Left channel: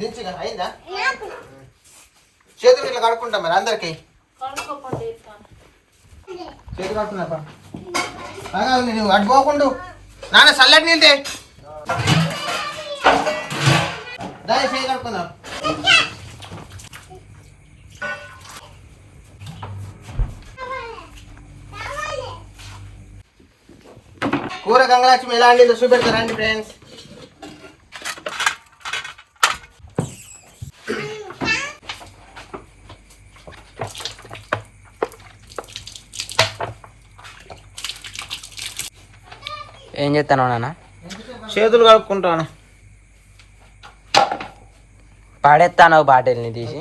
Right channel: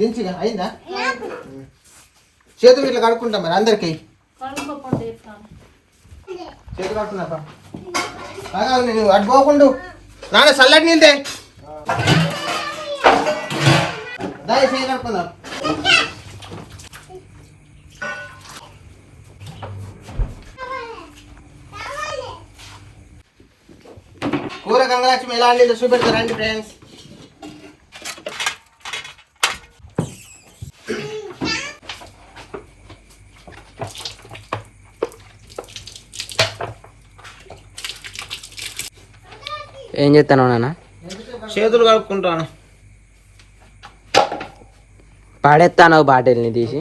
దించిగా అయిందా? చేతులు ఇట్లా కడుక్కుంటాం మరి అందరికి. చేతులు కడుక్కున్నా నువ్వు అడ్డుకోకుండా నాన్న చల్లటి నీళ్ళు దాని చేయి కడుక్కుందాం. కూర గంగలక్ష్మి ఎలా అండి చూపెడతారండి ఫ్రెండ్స్. ఏం చేస్తాను నాన్న? చేతులు కలుపుకుంటాను. పాడేస్తాను బాటిల్ని తీసి.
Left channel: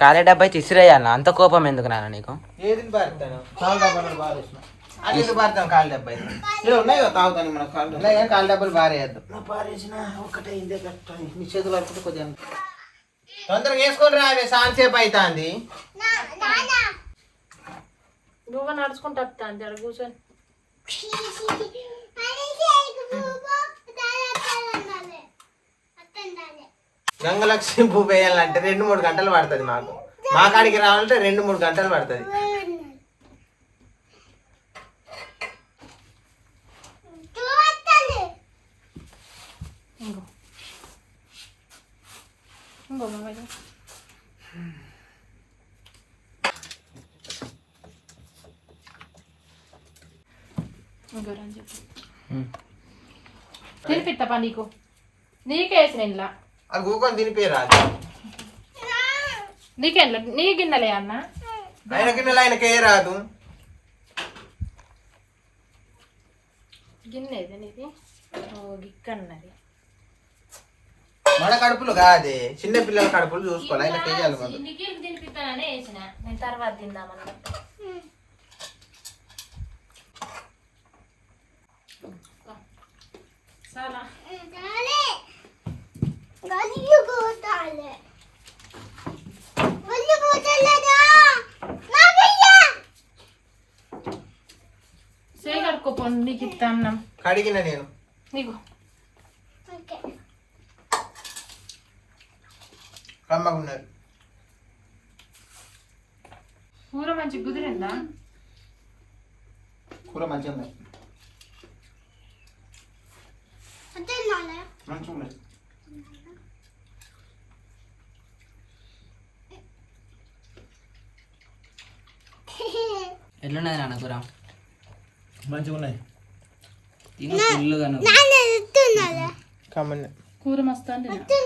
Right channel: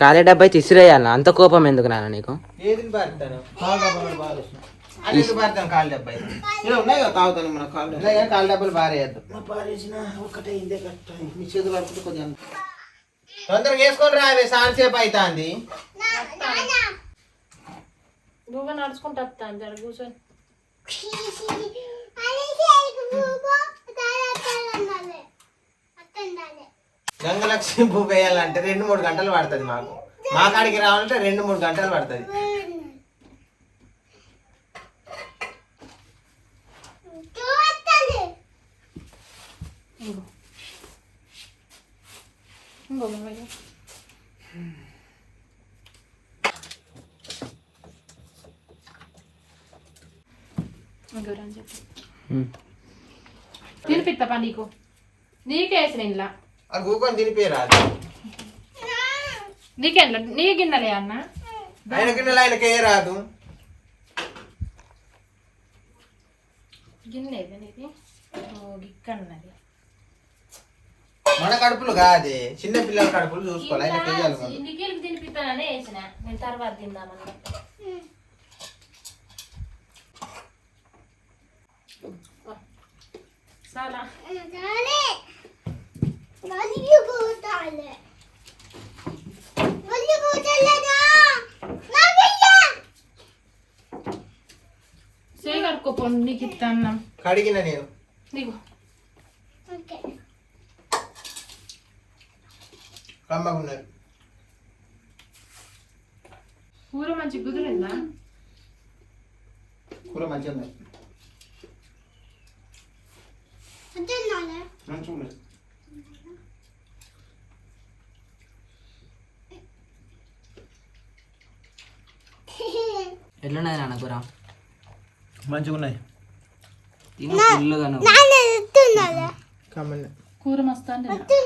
ఖాళీ డబ్బా అయితే ఇసిరేయాల. అంత కోపం ఎందుకు నాన్న నీకు? కాలు డబ్బా ఉన్నాయి కదా తాగుతాను. మన కాలు డబ్బాలు బారేయద్దు. చేతులు కలుపుకుంటే కొద్దిగా తొందరగా వేసుకొని రా. సాంతసేపు అవుతుంది. నడుచుకుంటా కూర్చొని గంగలక్ష్మి పువ్వు వేయాలంటే 2-3 గంటలు పడుతుంది. మాకు మా కాడికి రావాలంటే 2-3 గంటలు పడుతుంది. తినిపిస్తా నీకు. నీకేసిన ఇంట్లో అది కూకొని తినిపోయారు. నీకెంట్లో నీ గిన్నెలే అన్న. ఆయన గిన్నెలు ఆయనకే రాదు. గిన్నె నీకు ఇక్కన్నది. మన కడుపులు కాదే, చిన్న పిల్లల కడుపులు చూసుకోవాలి. ఆయన చెయ్యాలి. నీకు తినిపిస్తాననే వేసిన. నేను తర్వాత తిందామన్నా. చాలా కడుక్కోపో. నీకు ఇస్తా అన్నం కడిగిన నేను నీకు. కమ్మగున్నది కూర మంచి కుదిరిందా? కూర మంచిగా ఉంది. మంచిగా ఉన్నది. ఎట్లున్నది నాన్న కూర? మంచిగా ఉన్నాయి. తిను ఫుల్గా. కూర మస్తు అంటే